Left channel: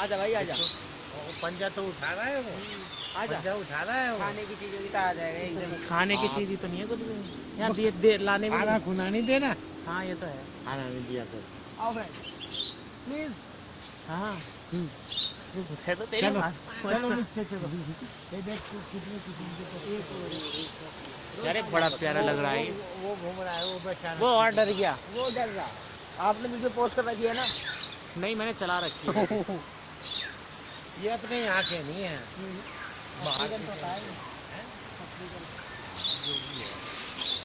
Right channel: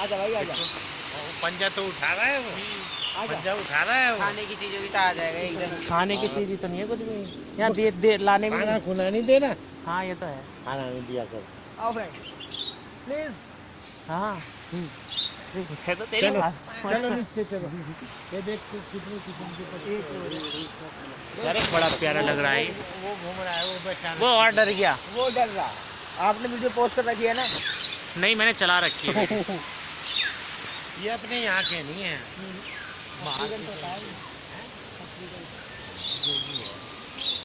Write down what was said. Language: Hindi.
आजा भाई आजा। पंजा तो उठा रहा है वो। आजा। पंजा उठा रहा है वो। खाने की चीज होगी तो आ जाएगा एकदम। खाने की चीज ही तो नहीं है कुछ भी यहाँ दे लाने भी खाना नहीं। खुना नहीं देना। हाँ ये तो है। खाना नहीं दिया कर। आओ भाई प्लीज। हाँ है तो तेरी चलो बात। चलो नीचे चलो। ये देख कितनी किस्म के यार एक बड़ा प्यारा लग रहा है। वो घूम रहा है वो बेचारा। वो और डर गया। वो डर रहा। आपने वीडियो पोस्ट कर रखी है ना? नहीं मैंने चला रखी है। ये अपने यहाँ के नहीं है। तो होता है।